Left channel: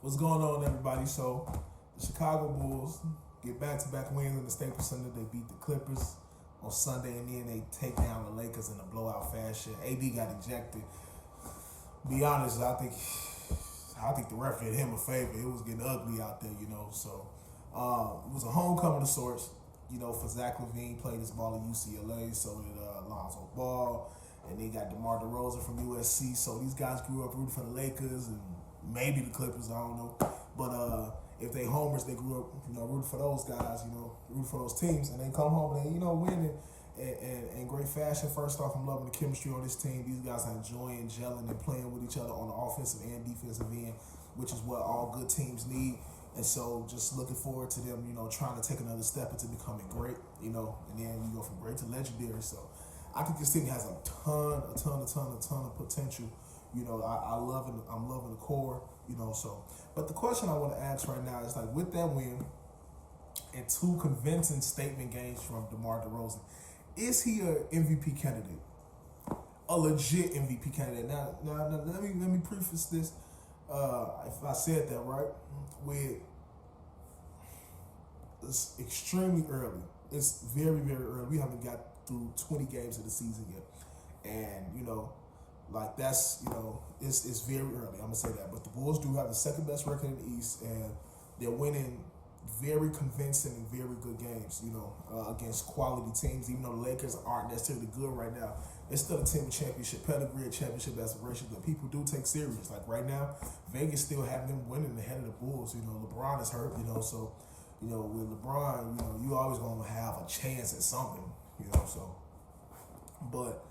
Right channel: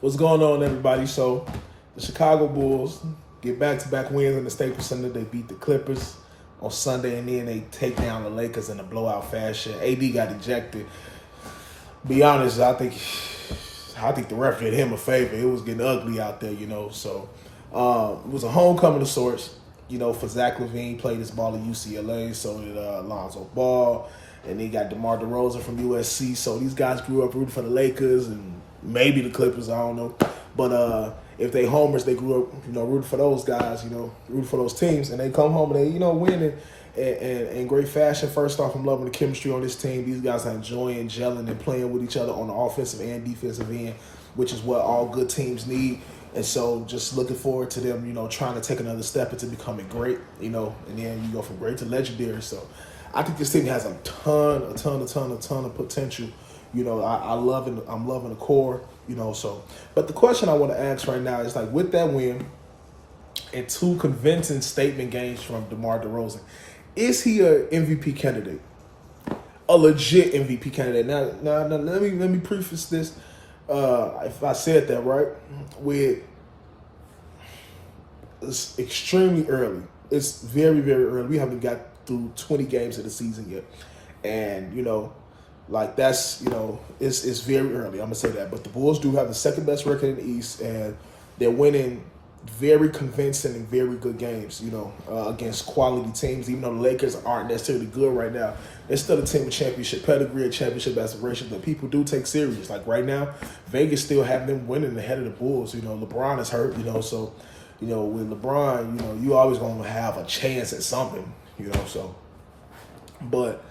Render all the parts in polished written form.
What's going on, everybody? So, the Chicago Bulls get back-to-back wins in the Staples Center. They beat the Clippers on Sunday, and then they take down the Lakers in a blowout fashion. AD got ejected. Be honest, I think the ref did him a favor. It was getting ugly out there, So, it was a homecoming of sorts. For Zach LaVine, played his ball at UCLA. So did Alonzo Ball. And they got Demar DeRozan from USC. So these guys grew up rooting for the Lakers and maybe the Clippers, I don't know. But if they homers, they grew up, rooting for those guys, rooting for those teams. And they come home and they, win in great fashion. First off, I'm loving the chemistry on this team. These guys are enjoying, gelling, and playing with each other on the offensive and defensive end, which is what all good teams need. And so just looking forward to them, trying to take another step into becoming great, and then you go from great to legendary. So I think this team has a ton of potential. I'm loving the core, so. But the question I want to ask right now is, like, with that win and two convincing statement games from DeMar DeRozan, is he a MVP candidate? A legit MVP candidate? Now let me preface this. If I said that right, it's extremely early. It's very, very early. We haven't got through 20 games of the season yet. And, that's, it's very early. I'm going to say that. But the Bulls do have the second best record in the East, and they're winning very convincing and very good games, against quality teams. Even though the Lakers aren't necessarily good right now, they're still a team with championship pedigree and championship aspirations that people do take serious. Like right now, Vegas still have them winning ahead of the Bulls. LeBron is hurt, so, with LeBron, you always going to have a chance at something, so. But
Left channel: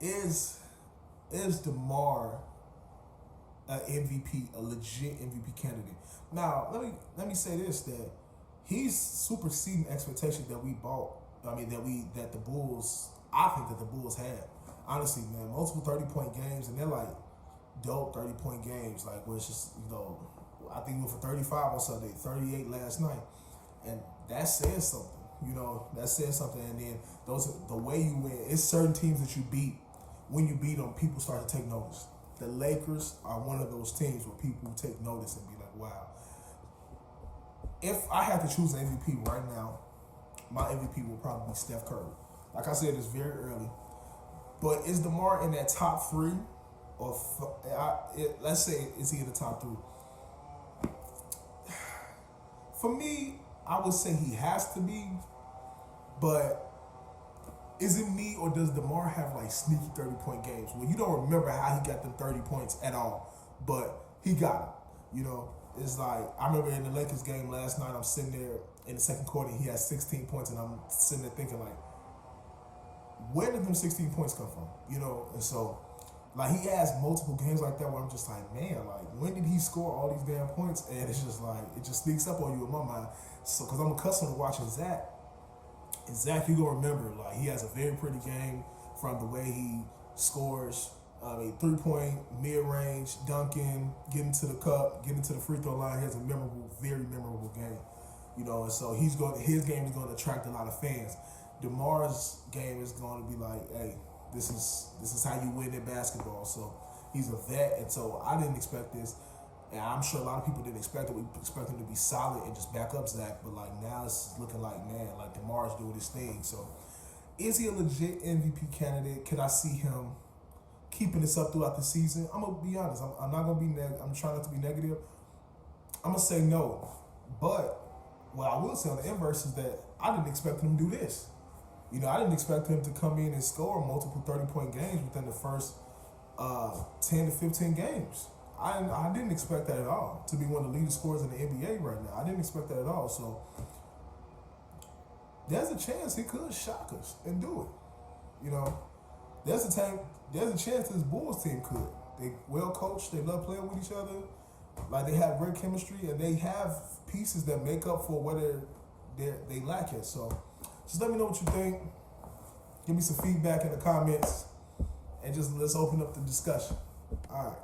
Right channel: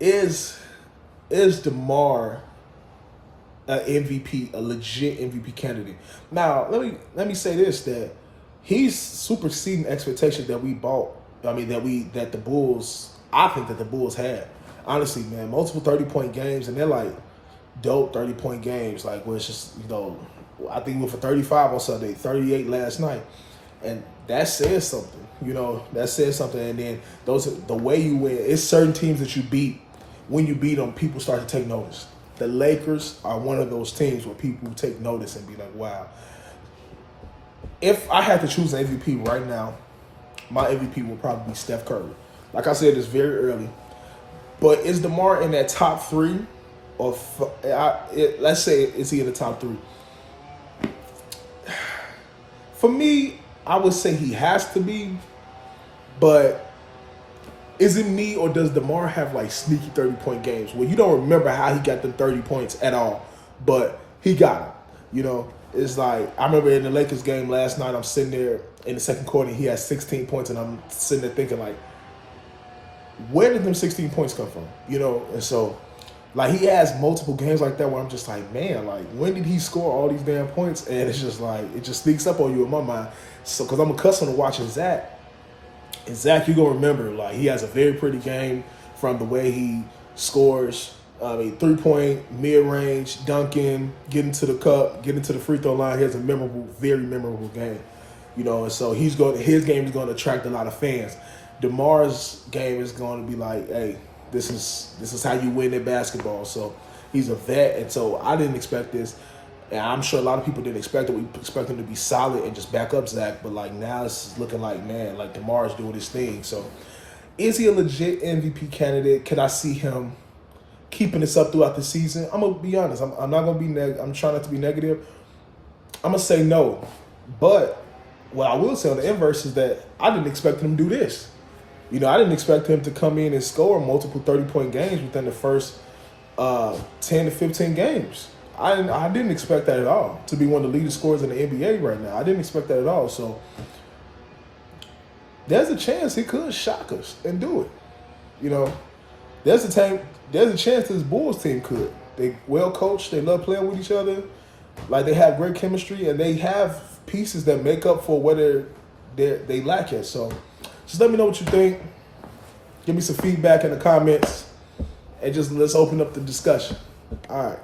is DeMar an MVP, a legit MVP candidate? Now, let me say this, that he's superseding expectations that we bought. I mean, that the Bulls, I think that the Bulls had. Honestly, man, multiple 30-point games, and they're like dope 30-point games, like where it's just, I think we went for 35 on Sunday, 38 last night, and that says something. That says something. And then the way you win, it's certain teams that you beat. When you beat them, people start to take notice. The Lakers are one of those teams where people take notice and be like, wow. If I had to choose an MVP right now, my MVP would probably be Steph Curry. Like I said, it's very early. But is DeMar in that top three? Or let's say, is he in the top three? For me, I would say he has to be. But is it me, or does DeMar have like sneaky 30-point games where you don't remember how he got the 30 points at all, but he got them? It's like, I remember in the Lakers game last night, I'm sitting there in the second quarter, and he has 16 points, and I'm sitting there thinking, like, where did them 16 points come from? And so, like, he has multiple games like that where I'm just like, man, like, when did he score all these damn points? And it's just like, it just sneaks up on you in my mind. So, because I'm accustomed to watching Zach. And Zach, you're going to remember, like, he has a very pretty game from the way he scores. I mean, 3-point, mid-range, dunking, getting to the cup, getting to the free throw line. He has a very memorable game. And so his game is going to attract a lot of fans. DeMar's game is going to be like, hey, this is how you win at basketball. So he's a vet, and so I didn't expect this. And I'm sure a lot of people didn't expect it. We expect him to be solid and just back up Zach. But, like, now it's looking like, man, like, DeMar's doing his thing. So is he a legit MVP candidate? Can I see him keeping this up throughout the season? I'm going to be honest. I'm not going to be I'm trying not to be negative. I'm going to say no. But what I will say on the inverse is that I didn't expect him to do this. I didn't expect him to come in and score multiple 30-point games within the first 10 to 15 games. I didn't expect that at all, to be one of the leading scorers in the NBA right now. I didn't expect that at all. So there's a chance he could shock us and do it. There's a chance this Bulls team could. They well coached. They love playing with each other. Like, they have great chemistry, and they have pieces that make up for what they lack at. So just let me know what you think. Give me some feedback in the comments, and just let's open up the discussion. All right.